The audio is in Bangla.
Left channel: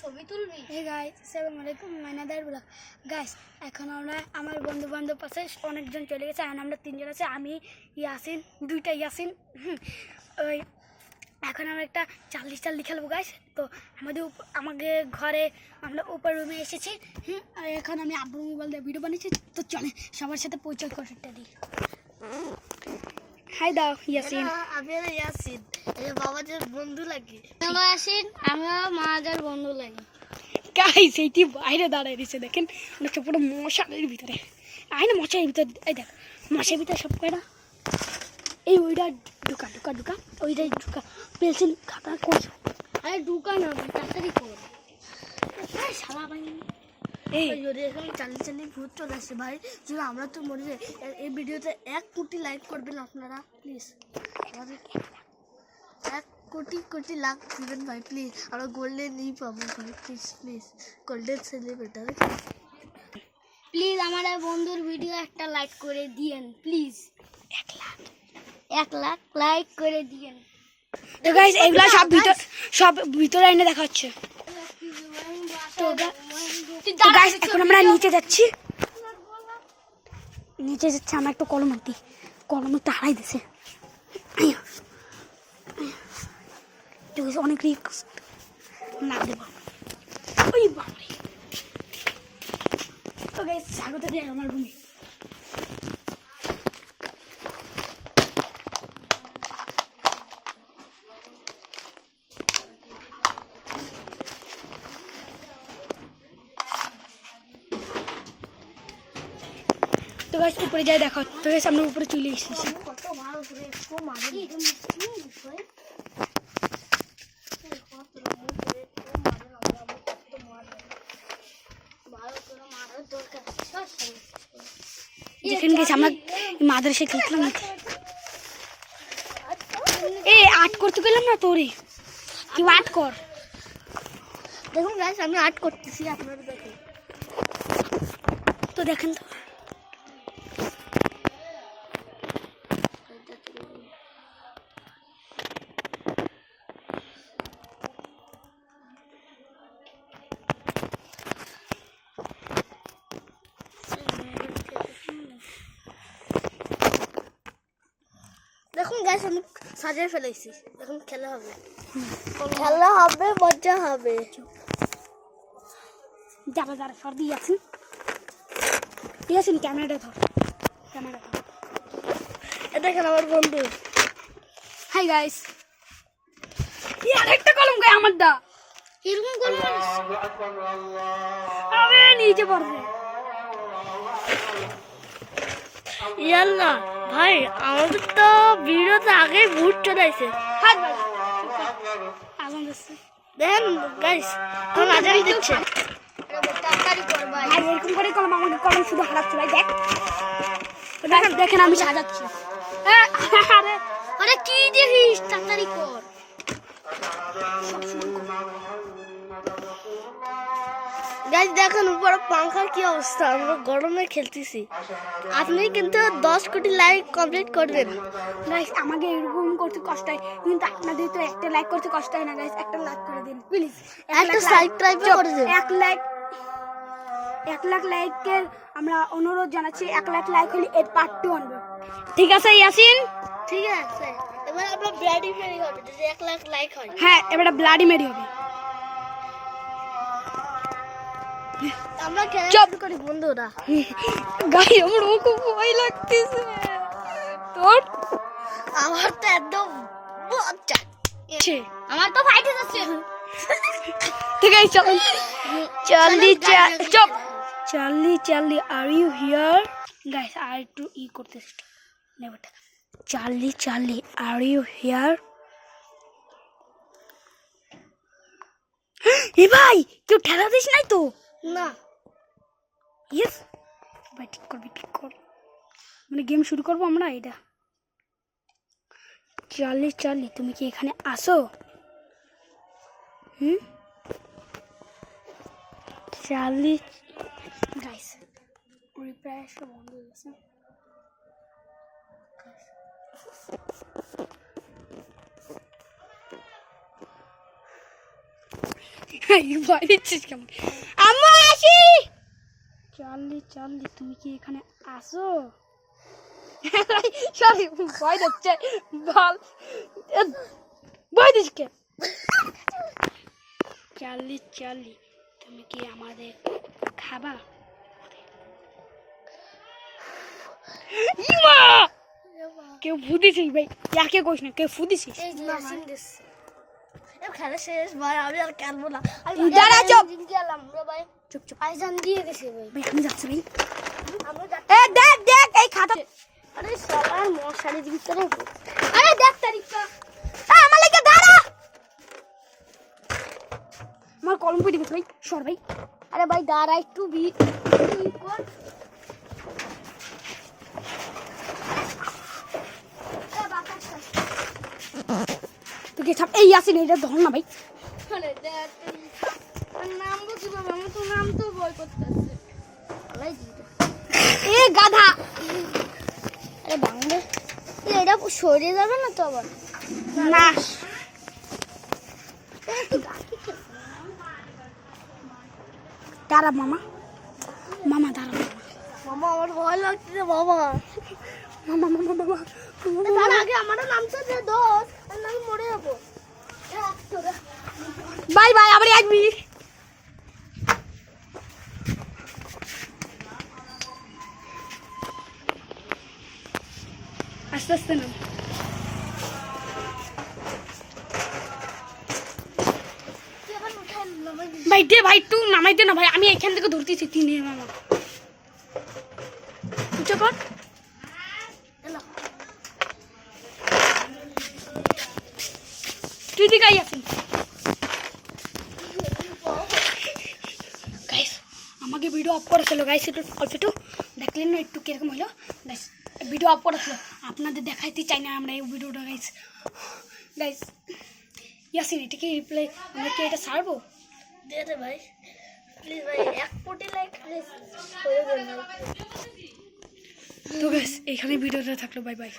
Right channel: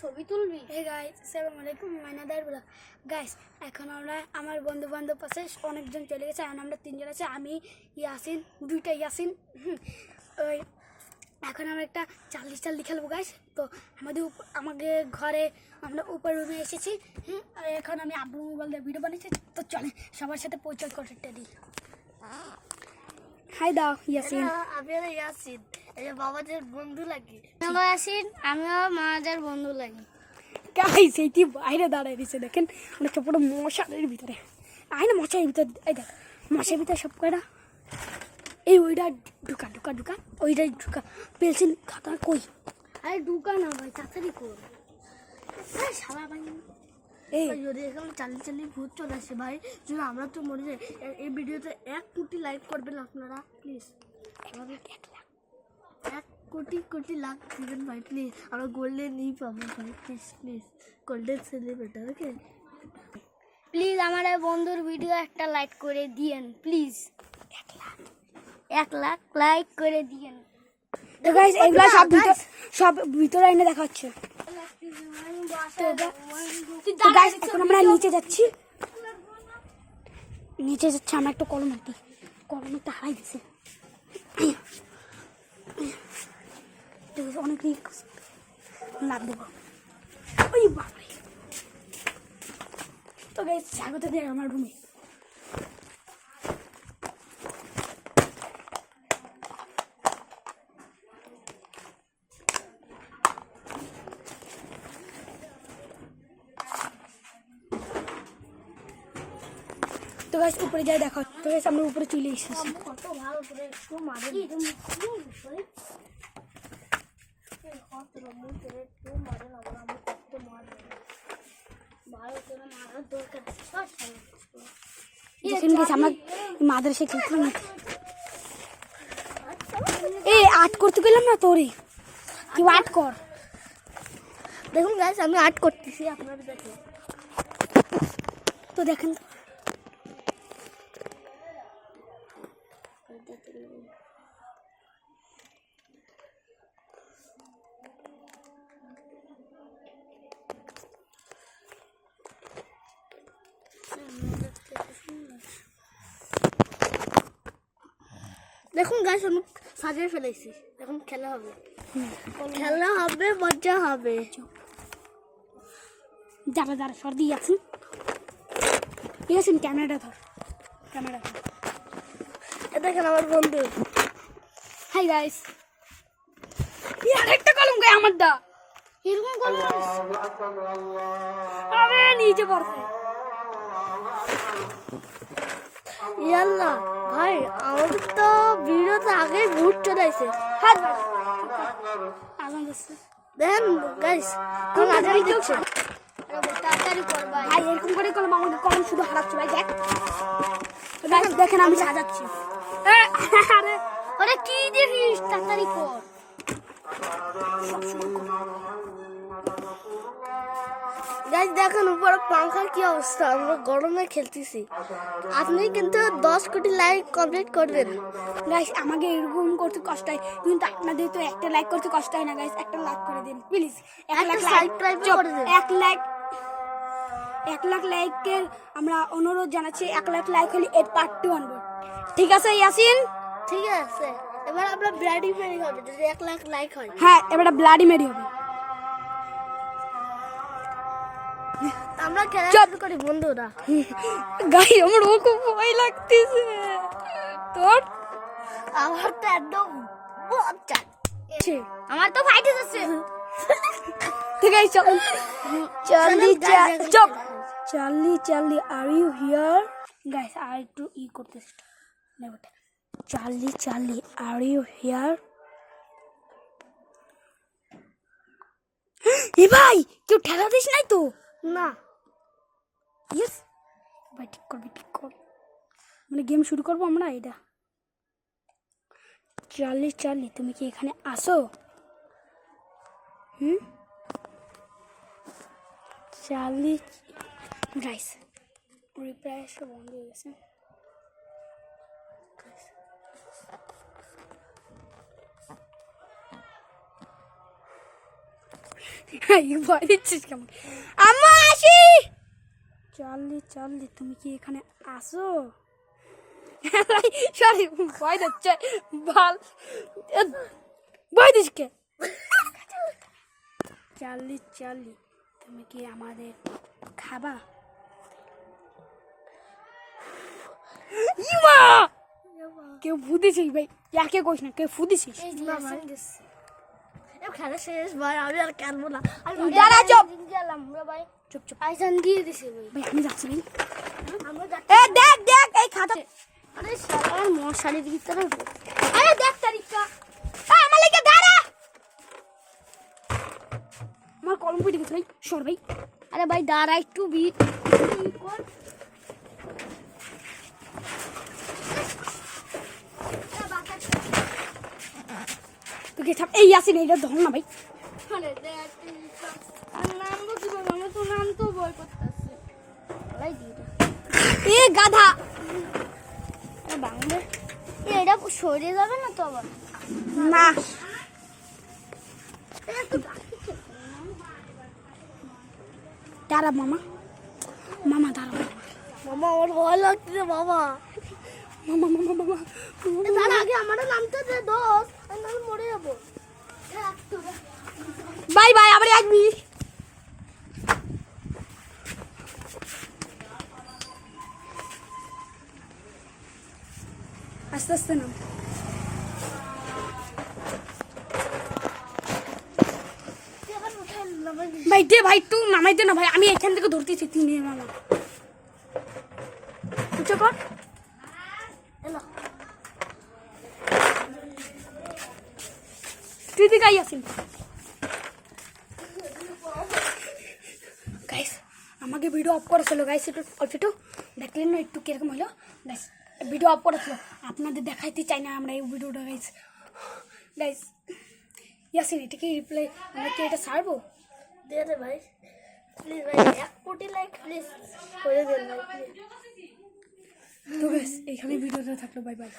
ছবি তুলবি? হে গাইস, আসসালামু আলাইকুম, মাইনাদার ব্লগ। গাইস, এখন আমরা আমার বন্ধু বান্ধব পাশে অনেকজন চলে গেছে, এখন আমরা তিনজন আছে, আমি ইয়াসিন, দুইটা ইয়াসিন। ওই এখন আমরা একটা চাল্লি খেলবো গাইস। তো আমাদের ঘরে আমরা উপর রুমে এসেছি। আর এখন আমি আব্বু মোবাইল দিয়ে ভিডিও বানিয়েছি। তো চলে সবার সাথে পরিচয় করতে দিই। হাই দাও ইয়াসিন। আমি ইয়াসিন, এই বাবাদের বন্ধু লাগি। হ্যালো ইয়াসিন, আমিও মাদের বন্ধু লাগি। গাইস, এইটি বাইরে দাঁড়ায় দিছে, দেখেন অনেকটা পুরো মশার ভিতরে। আয় না মশার ভিতরে, এই দেখ মশার ভিতরে সব কয়টা। এই ওইটা ঢুকা ওইটা ঢুকা। পেন্সিল খাতা কই? আরে ঢুকা না ভাই, তাড়াতাড়ি কর। শালা ভাই, এই যদি এখানে চাল্লি ভূত চলে আসে ভাই, যদি আমরা তো মরে যাই, এই ভিডিওতে 1 কোটি লাইক করবেন আপনারা প্লিজ। আমাদের 1 কোটি লাখ দিবেন ভাই প্লিজ। আমরা গোল্ডেন ই পাবো ভাই, প্লিজ গোল্ডেন সেলিব্রেটার। প্লিজ আমার বন্ধুর ভিডিও একটা লাইক করে দিয়েন প্লিজ। 1 লাখ লাইক করে দিয়েন। তো গাইস, এগুলা সব ভিতরে এনে দেখা হচ্ছে। তো গাইস, এখন আমরা নিচে যাচ্ছি। আমরা একটা কলম একটা হারাই দিছে। অনেক রিস্ক লাভ দেবো। ওই বাবারে। তো গাইস, স্বাগত দেয় আমার রুমে। তো গাইস, উপরে যাই দেখা। তো গাইস, আমরা উপরে চলে এসেছি। কত ভালো করে একটু মারে যেখানে গেছি আমরা মাদ্রাসা খেলছিলাম না। এই আর্ট করতে গেলাম না তোরে, তুই আর্ট কর। দেখুন গাইস, আমি আর্ট করতেছি, আপনারা দেখুন। তো দেখেন তো, দেখুন গাইস, আমি সাজিয়ে ফেলেছি। এখন খেলা হবে, মজা হবে। যারা সর্দি আছেন, ঠিক আছে, ক্যামেরাটা ধর। দেখেন আমার বন্ধু। হাই গাইস, আরেকটা কলম গায়ে আমার দা। এরকম কলম আবে নিচে পড়বে। ইয়াল্লা ভাই, আমাদের তো ভিডিওতে আগেই ভূত চলে আসে। হাত বাজ আগুন দিচ্ছে। দেখেন গাইস, এখন আজান দিচ্ছে। ভাই এরকম করে কলম, আমাকে কলম শুধু হারাচ্ছে ভাই। দেখেন আমি সাজাচ্ছি। আরে কি দেখিস, তাড়াতাড়ি কর। গাইস দেখেন উপরে পাংখার কি অবস্থা, আমরা গরমে খেলতেছি। আপনি কিন্তু 10 কোটি লাইক কমপ্লিট করবেন গাইস। আমাকে এরকম করতে কষ্ট হয়, কিন্তু আপনাদের তো একটা লাইক করতে কষ্ট হয় না গাইস। একটা লাইক করে দিন প্লিজ। 1 লাখ লাইকের আমরা অনুরোধ জানাচ্ছি। 1 লাখ লাইক হলে এর পার্ট 2 আনবো, ঠিক আছে ইয়াসিন? ঠিক আছে, এবার আমরা ব্লাডি মেরি হবে যদি 1 লাখ লাইক হয়। হ্যাঁ, এবার ব্লাডি মেরি হবে। আমরা খেলা করি বন্ধুরা। গাই আমার খুব ভয় লাগতেছে। তোর? আমার তো একদম মজা। আমার তো ফাইট হচ্ছে। ঠিক আছে, চল। Charlie are you here? Guys, আর একটু করতেছি। Charlie are you here? এ ভাই, কেউ ঠেলা দিস নাই তো? না। ইয়েস ভাই, ঠিক কর। মানে গেম শুরু করবো আমরা। এটা চার্লি, তুমি কি এখানে আসো? চার্লি। গাইস, রিপ্লাই আসা বন্ধ হয়ে গেছে। ভয় দিচ্ছিস কেমন? আম্মা আসি। চার্লি চার্লি তুমি কি এখানে আসো? সরি ভয় দিচ্ছে বল, ভয় দিস কে? চার্লি চার্লি তুমি কি আমাদের খাবা? ইমা কেউ ফুদিছিস ভাই, ইয়াকে কইস না, কেউ ফুদিছিস? খেলা শেষ ভাই, আমি আর খেলবো না। দাঁড়া চুপ ভাই চুপ চুপ আইজান দিয়ে দিছি ভাই। ভাই আমি যাচ্ছি ভাই। আমরা এ দেখ দেখ এই খাতা, আরে সবাই মশারির ভিতরে আরে দেখ তারিখটা, আমার লাগে দাঁড়া, আমার কলম পড়ে গেছে ভাই, সর ভাই। আরে ভাই দাঁড়া একটু বিট কর। তোকে ছাপ এই আসি না, এটা ধর না ভাই। আরে দেখ নাম তো কি বাবা, আমার তো নাম তো বই করতেছে ভাই দিটা। এ গাধা, আরে বাংলা এটা সরে যাবে না তো আবার? না দাঁড়া মামা, মামা দাঁড়া মামা আমার ভয় লাগছে বাবা। মামা মামা মামা মামা তার আগে আমার নামটা দে দোস, আমি নাম মরে যাবো। বাই বাই, আবার আসবি। আস্তে আস্তে নাম। ভাই দে ভাই, তুই নামাই দে না ভাই, আমি এখান থেকে ধরতেছি তিনে মামা। উঁচু কর। তুই দিকে আইয়াছিস গাইস, আমাকে ভিডিও অফ করেছিল গাইস, একটু অল্প একটু দেখলেন না একটু কিরকম হলো গাইস, ভিডিও অফ করেছিল, আপনাদের দেখাইতে চাই না আমরা এই ভিডিওটা গাইস। গাইস ইয়াসিন এটা কি রিপ্লাই, আমরা কি এটা ছাড়বো? দে দে ভাই প্লিজ ভাই, 1 কোটি লাইক প্লিজ করে দেন। তো গাইস এইখানে ভিডিওটা থাকলো, বাই বাই।